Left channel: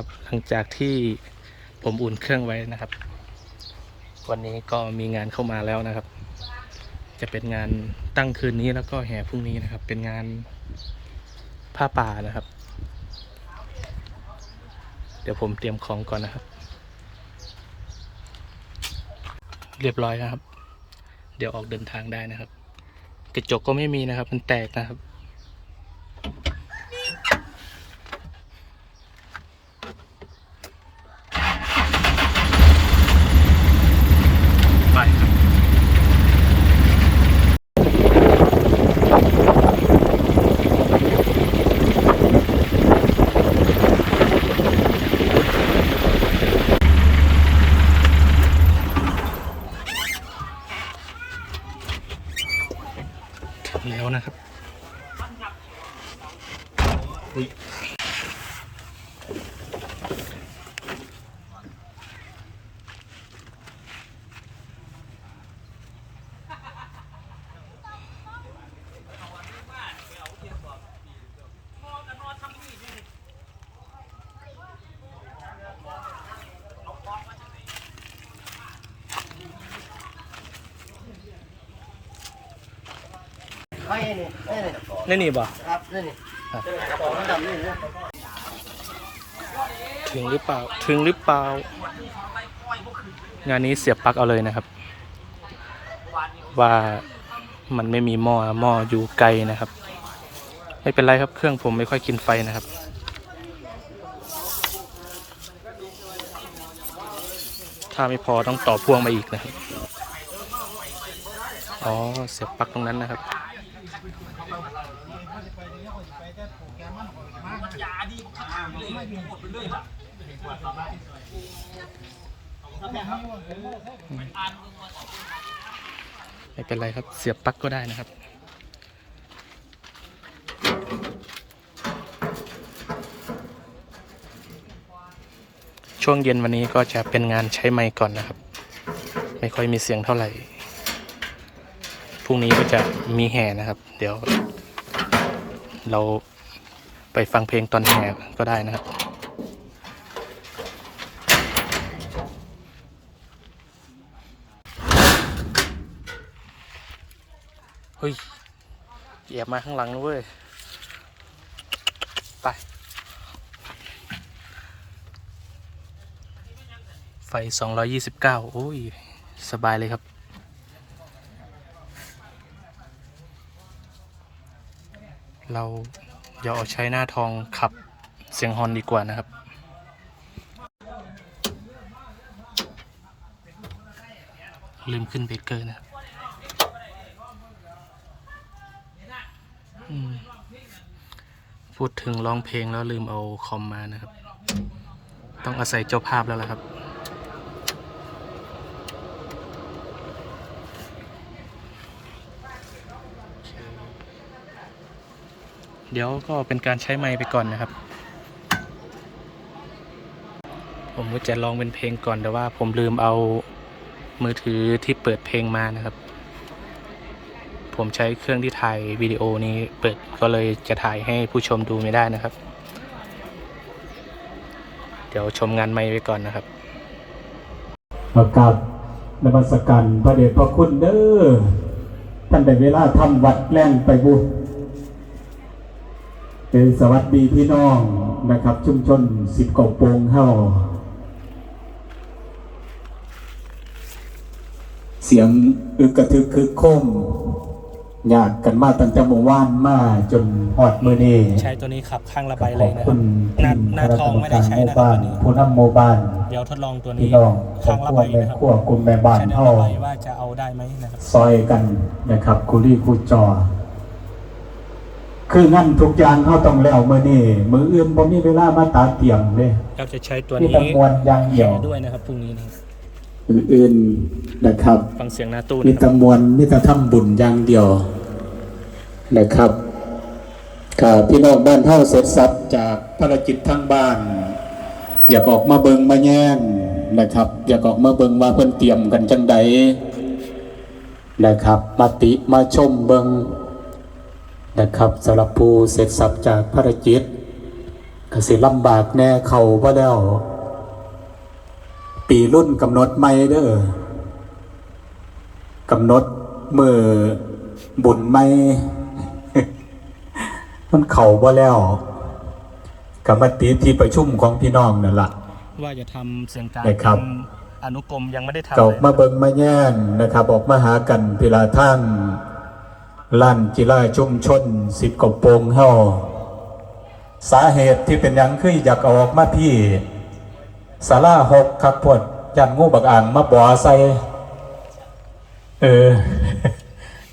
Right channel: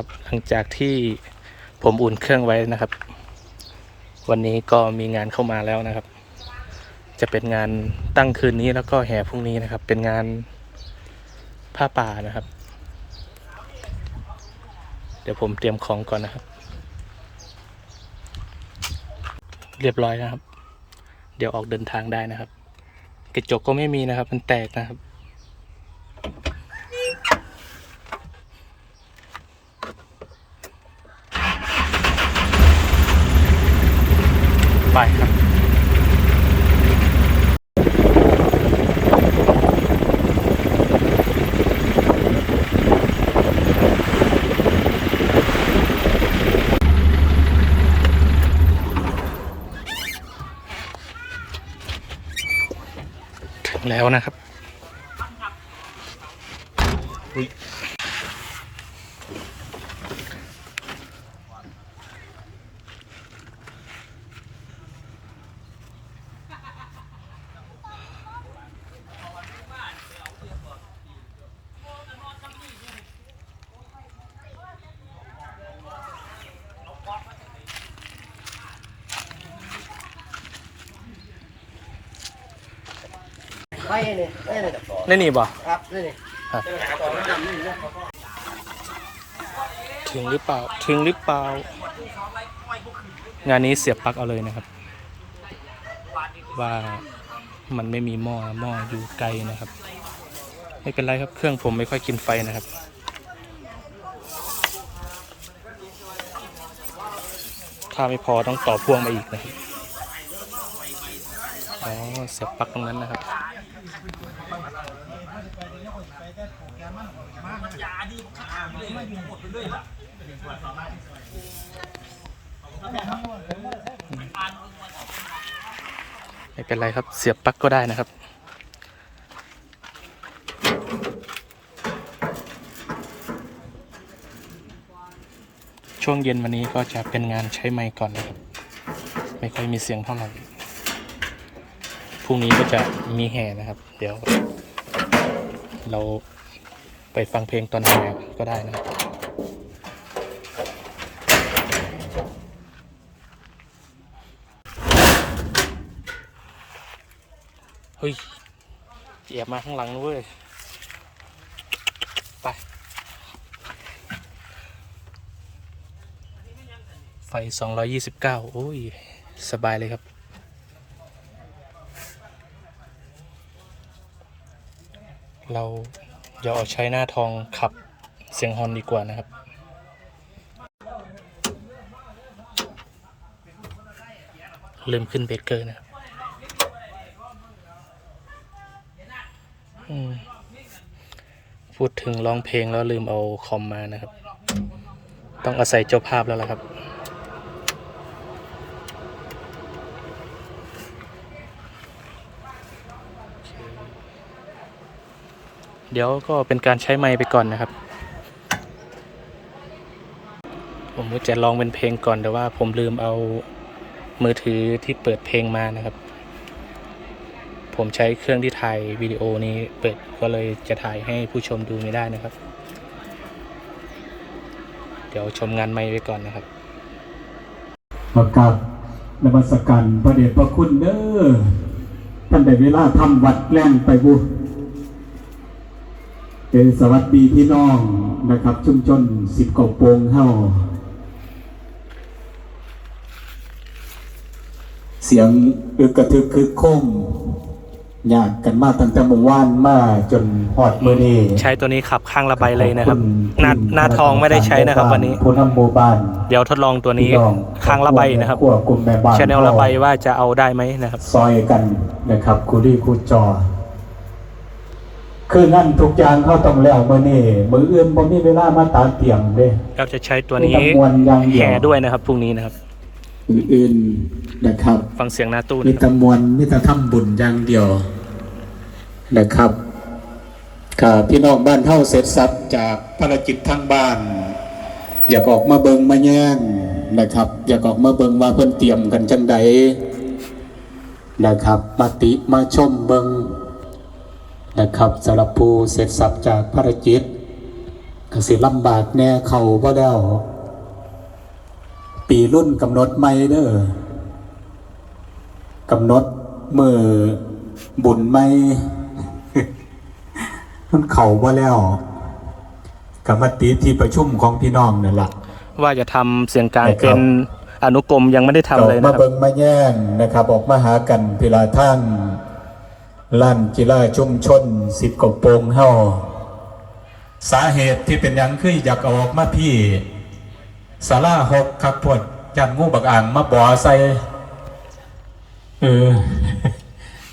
ครับ หลังจากที่ผมอุ่นเครื่องไว้นะครับ วันนี้ก็มีงานเข้ามาแล้วนะครับ จะเป็นงานตั้งคืนนี้แล้วก็แห่พรุ่งนี้นะครับ เป็นงานผ้าป่านะครับ เดี๋ยวผมเตรียมของก่อนนะครับ เรียบร้อยนะครับ เดี๋ยวออกเดินทางได้นะครับ กระจกก็ไม่มีนะครับ มันแตกนะครับ ไปครับ ถึงแล้ว นะครับ อุ๊ยไปนี่นี่นี่นี่นี่บ่ครับนี่นี่ครับดำนี่นะถึงหรือเปล่าถึงหรือเปล่า งานนี้เสียบปลั๊กเอาเลยนะครับ ว่ามันไม่มีหม้อหม้ออยู่ไกลนะครับ ไม่เป็นไรครับเครื่องผมไม่ค่อยกินไฟนะครับถ้าไม่พอต้องต่อพ่วงมาอีกนะครับ อ๋อ เสียบปลั๊กตรงนั้นนะครับ ไม่เป็นไรครับ เสียบปลั๊กก็ได้นะครับ ช่วงเย็นวันนี้ก็จะเป็นงานใช้ไมค์ก่อนนะครับ ไม่ค่อยมีเสียงเท่าไหร่ พรุ่งนี้ก็จะมีแห่นะครับ เดี๋ยว เราไปฟังเพลงตอนแห่ก็ได้นะครับ เฮ้ยเหยียบมาข้างหลังนะเว้ย ไป ไฟ 229 โอ้ย สบายเลยครับ เราอย่าเอาใช้หน้าทองขับเสียงฮอนดีกว่านะครับลืมขึ้นเบรกเกอร์นะครับ อืม พูดถึงร้องเพลงแล้วลืมเอาคอมมานะครับ ต้องอาศัยเจ้าภาพแล้วล่ะครับ เดี๋ยวก็เป็นการใช้ไมค์ไปก่อนนะครับ ผมก็จะลองเป็นเพลงก่อนแต่ว่าผมลืมเอามือถือที่เปิดเพลงมานะครับ ผมใช้เครื่องที่ถ่ายวิดีโอนี้เปิดก็เลยจะถ่ายให้ผู้ชมดูไม่ได้นะครับ เดี๋ยวชมงานไม่ไว้ก่อนนะครับประกาศนมัสการพระเดชพระคุณเด้อท่านได้เวลาทำวัดแล่งไปบุเป็นสวัสดีพี่น้องนะครับ ชุมชนสิบกองโปงเฮาเสียงอึกกระทึกคึกโคม ยากกันมาตั้งแต่เมื่อวานมาจนฮอดมื้อนี้ใช้ตัวนี้ขับข้างระบายเลยนะครับหน้าหน้าทองไม่ได้ใช้นะครับวันนี้ผู้นำโมบานเดี๋ยวทดลองตัวนี้พี่น้องข้างระบายนะครับครอบครัวกลุ่มแม่บ้านชแนลระบายว่าจะเอาได้ไหมนะครับ ซอยกันนะครับคูรีคูจอ คืองั้นทุกอย่างเขาต้องแล้วมื่อนี่มืออื่นผมมีเวลามาตาเตรียมเลยเราจะใช้ตัวนี้มีจำนวนอย่างเดียวแห่ด้วยนะครับพรุ่งนี้นะครับอื่นๆนะครับ ฟังเสียงหน้าตู้มีนะครับจำนวนมีแต่ทำบุญอย่างเดียว นะครับกับพี่น้องบ้านเท่าเสร็จสับจากภารกิจทางบ้าน อยากออกมาเบิงมาแย่งนะครับ อยากออกมาเบิงว่าเพิ่นเตรียมกันจังใดนะครับ มาติมาชมเบิงนะครับสำหรับผู้เสร็จสับจากภารกิจกสิลำบากแน่เขาว่าแล้วปีรุ่นกำหนดไม่เด้อกำหนดมือบุญไม่ มันเข่าว่าแล้วกรรมติที่ประชุมของพี่น้องนั่นละว่าจะทำเสียงกลางนะครัเป็บนอนุกรมยังไม่ได้ทำเก่าเลยมานะครับเบิงมาแย่งนะครับ ออกมาหากันพิลาทั้งลั่นกีฬาชุมชนสิบกว่าโปงเฮาสาเหตุที่เป็นหยังคืออยากเอาออกมาพี่สาราหกครับพวดยันงูบักอ่างมาบ่อใส่เออ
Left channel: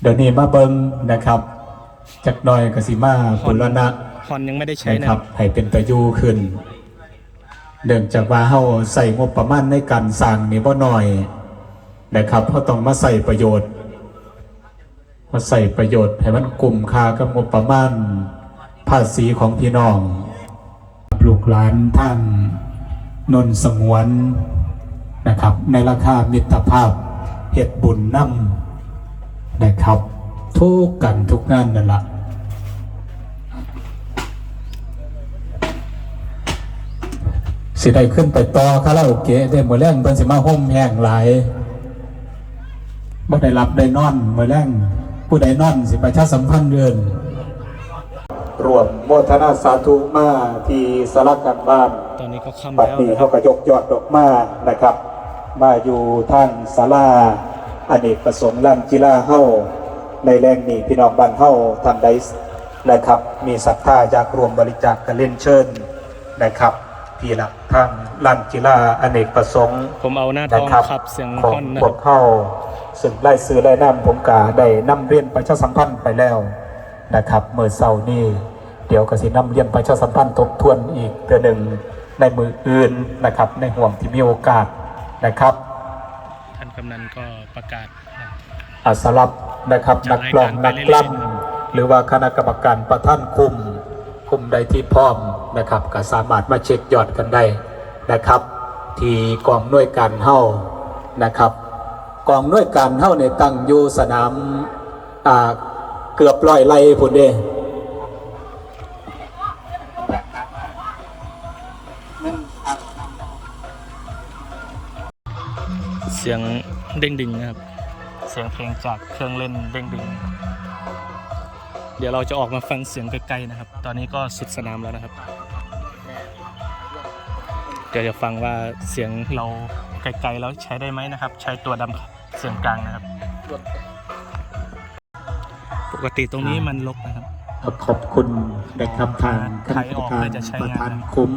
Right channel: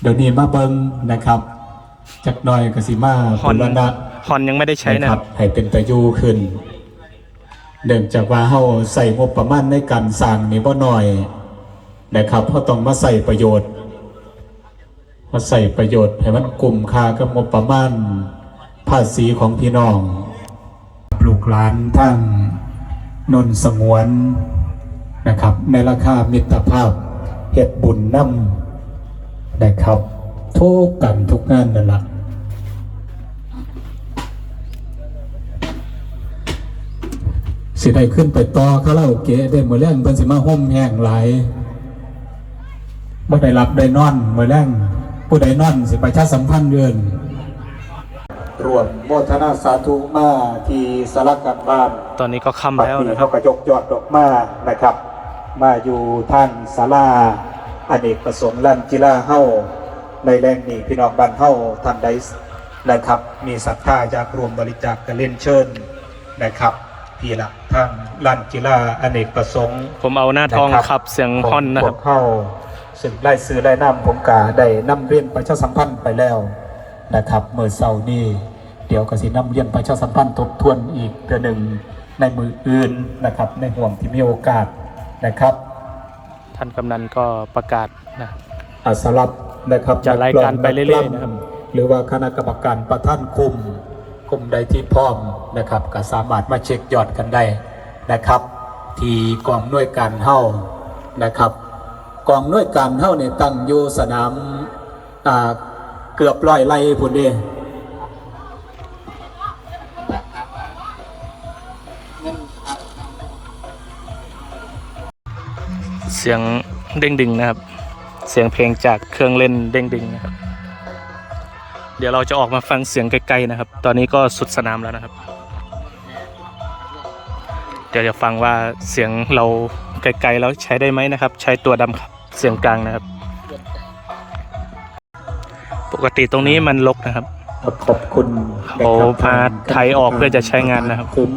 เดี๋ยวนี้มาเบิงนะครับ จักหน่อยกสิมาฮอนบุรณะฮอนยังไม่ได้ใช้นะนะคครัรับบ ให้เป็นประโยชน์ขึ้น เนื่องจากว่าเฮาใส่งบประมาณในการสร้างนี่บ่น้อยนะครับเฮาต้องมาใส่ประโยชน์มาใส่ประโยชน์ให้มันกลุ่มค่ากับงบประมาณภาษีของพี่น้องปลูกหลานทั้งนนสงวนนะครับ ในราคามิตรภาพเฮ็ดบุญนำนะครับ ทุกกันทุกงานนั่นล่ะสิได้ขึ้นไปต่อคาราโอเกะได้มื้อแรงเพิ่นสิมาห่มแห้งหลายบ่ได้รับได้นอนมื้อแรงผู้ใดนอนสิประชาสัมพันธ์เดือนรวมโมทนาสาธุมาที่สารกลางบ้านตอนนี้ก็ค่ำแล้วปัดนะครับเขากระยกยอดดอกมานะครับ มาอยู่ทางศาลาอเนกประสงค์ลานกีฬาเฮ้า ในแรงนี้พี่น้องบ้านเฮ้าทำได้นะครับ มีศรัทธาอยากรวมบริจาคกันเล่นเชิญนะครับพี่ละทางลานกีฬาอเนกประสงค์ผมเอาหน้าทองขับเสียงฮอนนะครับขงพวกเข้าซึ่งไล่ซื้อไล่น้ำผมกาได้นำเรียนประชาสัมพันธ์ไปแล้วนะครับเมื่อเสาร์นี้เดี๋ยวกสินำเรียนประชาสัมพันธ์ทบทวนอีกเพื่อหนึ่งในมืออื่นนะครับ ในห่วงที่มีโอกาสนะครับ ท่านกำนันก็ประกาศนะอัสลับ นะครับจะรายการไปเรื่อยๆนะครับหรือว่าคณะกรรมการประท่านคุมคุมใดที่พร้อมนะครับ ก็สามารถมาเช็คยอดกันได้นะครับ ที่กองหน่วยการเฮ้านะครับ กองหน่วยการเฮ้าในยตั้งอยู่สนามอ่าเกือบร้อยไร่พุ่นเด้เสียงเด้งดึงนะครับเสียงเพลงจากเครื่องเล่นเด้งดึงนะครับเดี๋ยวเราจะออกมาฟังเสียงไกลๆนะครับ ตอนนี้ก็สุดสนามแล้วนะครับ เดี๋ยวจะฟังว่าเสียงเราไกลๆแล้วใช้ได้ไหมนะครับ ใช้ตัวดำครับเสียงกลางนะครับ ปกติตรงนี้มันลกนะครับ ขอบคุณโอ้พาไทยออกเพื่อจะใช้งานนะครับคุ้ม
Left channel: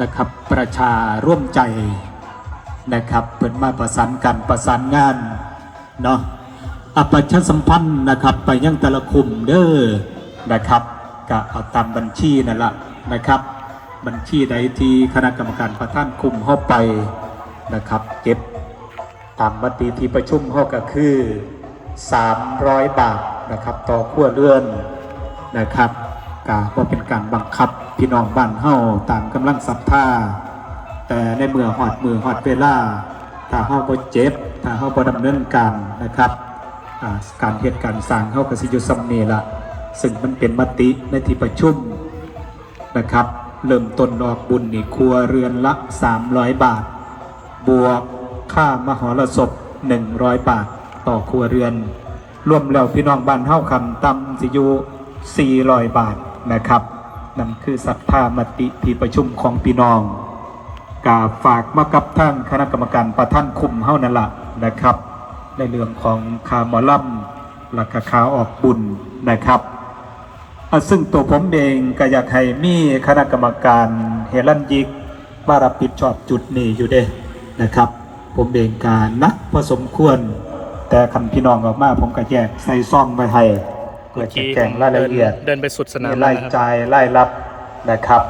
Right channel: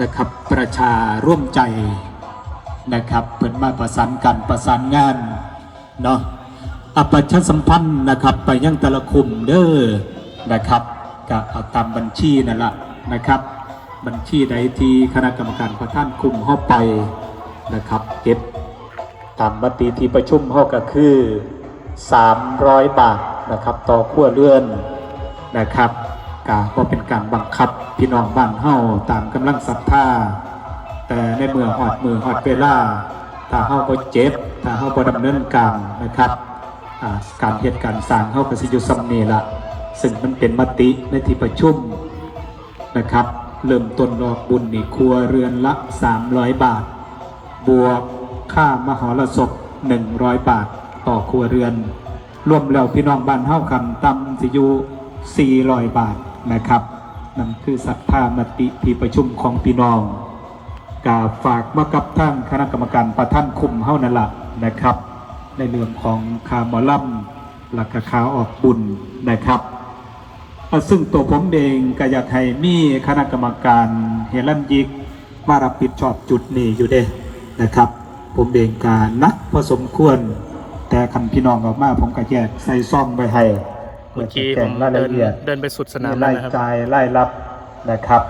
นะครับประชาร่วมใจนะครับเปิดมาประสานกันประสานงาน เนาะอปชาสัมพันธ์นะครับ ไปยังแต่ละคุมเด้อนะครับก็เอาตามบัญชีนั่นแหละนะครับ บัญชีใดที่คณะกรรมการประท่านคุมเข้าไปนะครับ เก็บตามมติที่ประชุมห้อก็คือ 300 บาทนะครับ ต่อครัวเรือนนะครับกาก็เป็นการบังคับพี่น้องบ้านเฮาตามกำลังศรัทธาแต่ในเมื่อหอดมือหอดเวลา ถ้าเฮาบ่เจ็บ ถ้าเฮาบ่ดำเนินการนะครับการเหตุการณ์สร้างเฮาก็สิอยู่ซำนี้ละซึ่งมันเป็นมติในที่ประชุมนะครับ เริ่มต้นออกบุญนี่ครัวเรือนละ 300 บาท บวกค่ามหรสพ 100 บาทต่อครัวเรือน รวมแล้วพี่น้องบ้านเฮาคำตำสิอยู400 บาทนะครับนั่นคือศรัทธามติที่ประชุมของพี่น้อง กาฝากมากับทางคณะกรรมการประท่านคุมเฮานั่นละนะครับ ในเรื่องของคาหมอลัมหลักคาออกบุญนะครับอะซึ่งตัวผมเองก็อยากให้มีคณะกรรมการเฮลันยิกมารับผิดชอบจุดนี้อยู่เด้นะครับ ผมเองการนักพอสมควร แต่คำพี่น้องออกมาผมก็แยกใส่ซ่องไปให้เมื่อกี้แจ้ผงมรายเดิละนเอียดเดินไปสุดสนามแล้วนะครับรายจ่ายรายรับนะครับ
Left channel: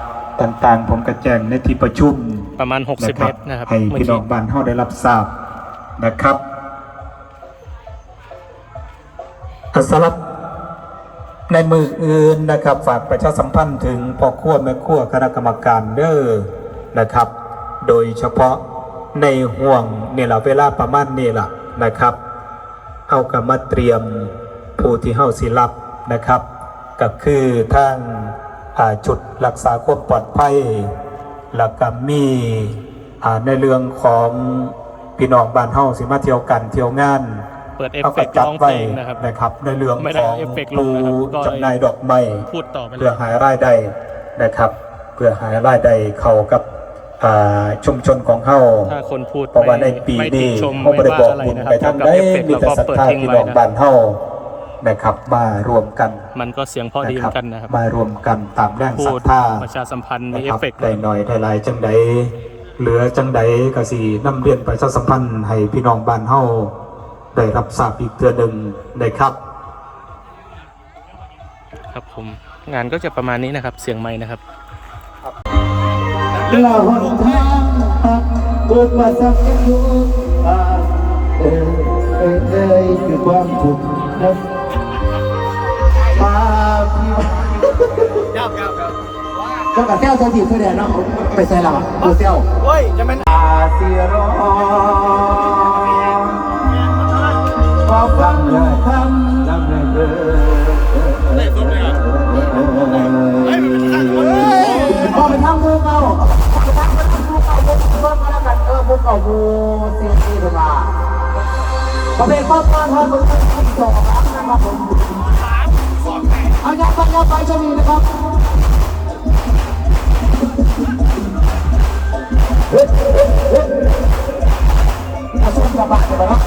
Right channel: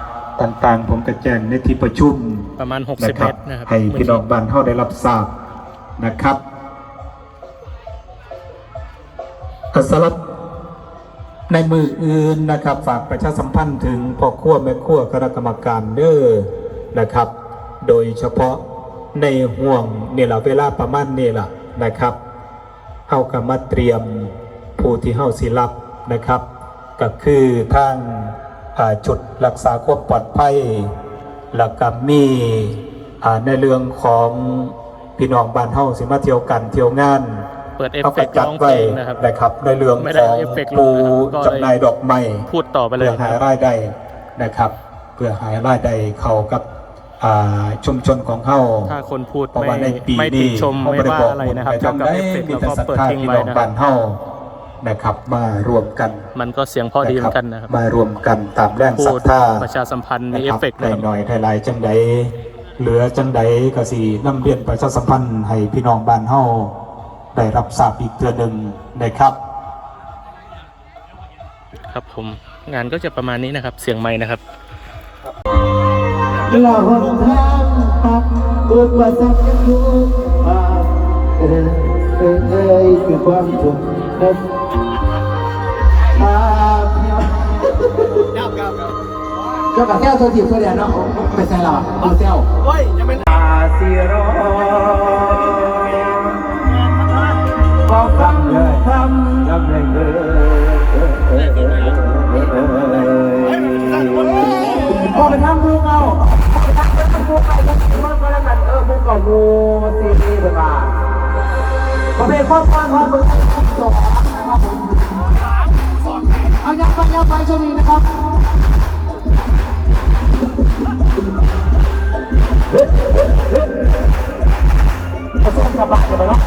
ต่างๆ ผมก็แจ้งในที่ประชุมประมาณ 60นะคเมรับตรนะครับให้เมื่อพี่น้กี้องบ้านเฮาได้รับทราบนะครับอะสำหรับในมืออื่นนะครับ ฝากประชาสัมพันธ์ถึงพ่อครัวแม่ครัวคณะกรรมการเด้อนะครับ โดยเฉพาะในห่วงนี่แหละเวลาประมาณนี่แหละนะครับเฮากับมาเตรียมผู้ที่เฮาสิรับนะครับ ก็คือทางอ่า จุดรักษาความปลอดภัยแล้วก็มีอ่าในเรื่องของพี่น้องบ้านเฮาสิมาเที่ยวกันเที่ยวงานเปิดเอฟเขาเฟก็กต์จัร้ดองเพไว้ลงนะครับนะครับในเรื่องไม่ได้ของเอาเอฟเฟกต์ลปูงนะครับก็เลยจำหน่ายดอกไม้พูดต่อไปเลเพื่ยอหารายได้นะครับ เพื่อหารายได้เข้ากับอ่าชุมชนของเขาถ้าคนพูดเพราะไม่ว่าในปีไม่ตินี้ชมไม่ว่าอะไรนะครับเกี่ยวกับเอฟเฟกต์เราก็เปิดทิ้งไว้นะบ้านเฮา นะครับมารวมกันมันก็เสียงพอดีเหมือนกันนะครับ มารวมกันตามแรงพูศรัดทธาประชาสัมพันธ์มีนะเอคฟรับเฟกต์ได้หน่อยได้หลายจังใดเหลือจังใดก็สินำเรียนประชาสัมพันธ์ให้พี่น้องบ้านเฮาได้รับทราบอีกเทื่อหนึ่งนะครับ ครับผมงานก็จะประมาณนี้นะครับ เสียงไม้นะครับละหนทางตักอุปสรรคทุกบานเอ่ยเอ่ยเอ่ยคือความทุกข์ เจ้ากับเจ้าตัวจีบเพื่อนเนาะไปใส่หลับตัวเจ้าโอ้ยจะเป็นอาเซียรอพอฟังเด้อทำทำให้เด้อเฮ้ยมันเป็นทางคนโอ้เป็นทางกูเก่ากูเก่าพวกกันกันเออพวกเก่ากูซีซีเป็นมาประเภทครอบครัวทองมันเป็นที่สองนะครับผมเอายังไปยังไปชนีนะครับ บาเนาะ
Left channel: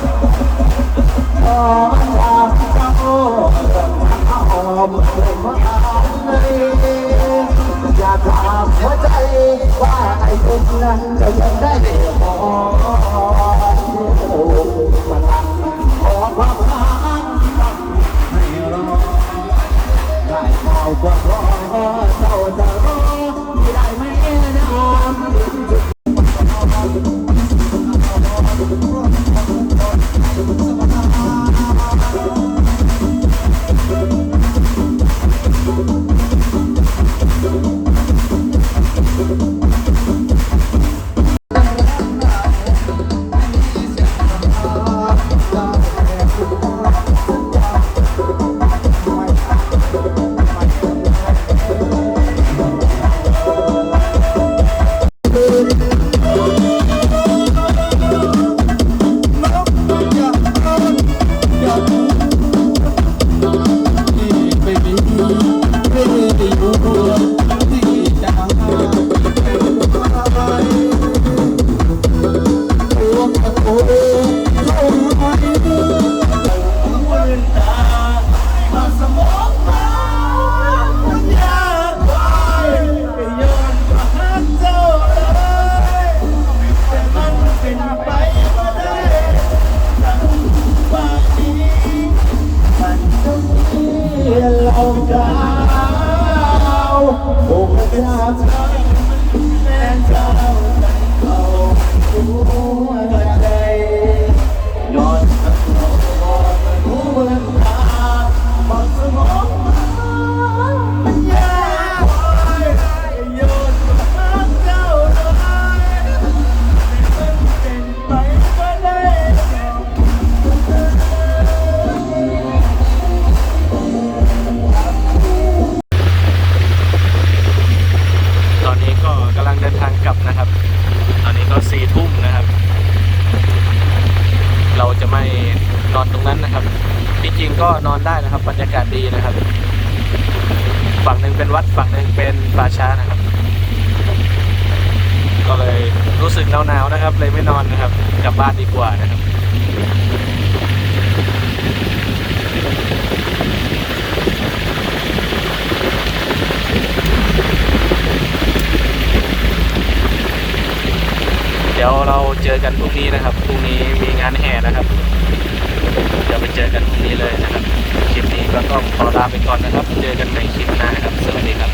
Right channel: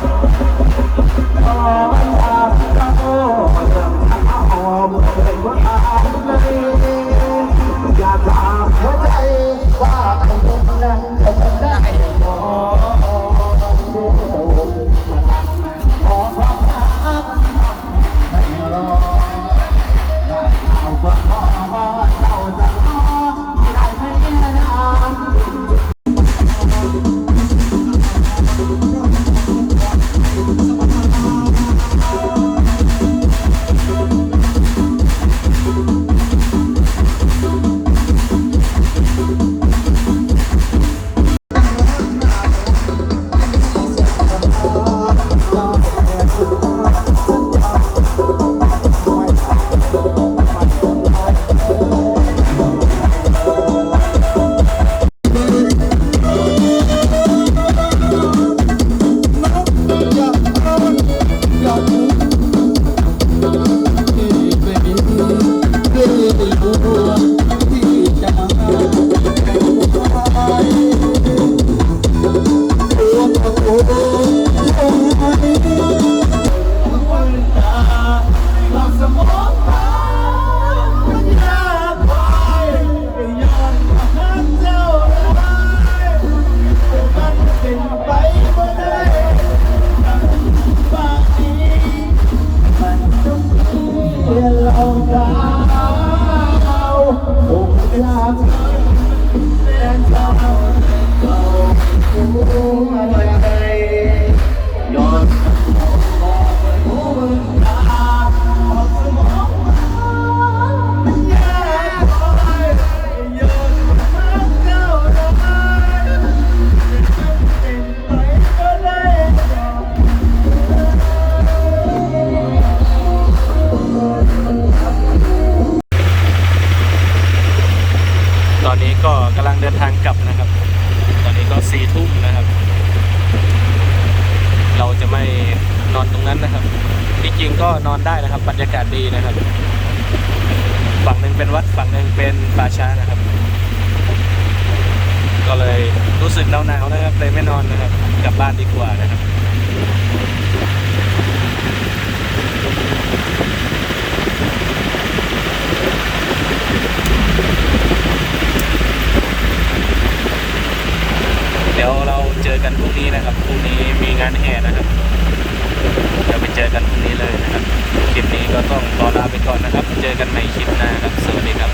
างเดินทางกลับนะครับ ตอนนี้ก็สี่ทุ่มนะครับ เราจะไม่นอนตรงนั้นนะครับที่จริงก็นอนได้นะครับ บรรยากาศดีนะครับ ฝั่งหนึ่งเป็นวัดฝั่งหนึ่งเป็นป่าช้านะครับ ก็เลยรู้สึกหนาวๆนะครับ เลยไม่นอนนะครับ กลับบ้านดีกว่านะครับ เดี๋ยวเราเจอ กันพรุ่งนี้นะครับพรุ่งนี้มีงานแห่นะครับ เดี๋ยวไปเจอกันพรุ่งนี้เลยนะครับ คลิปนี้ก็ต้องขอลาไปก่อนนะครับ เจอกันใหม่คลิปหน้าครับ สวัสดีครับ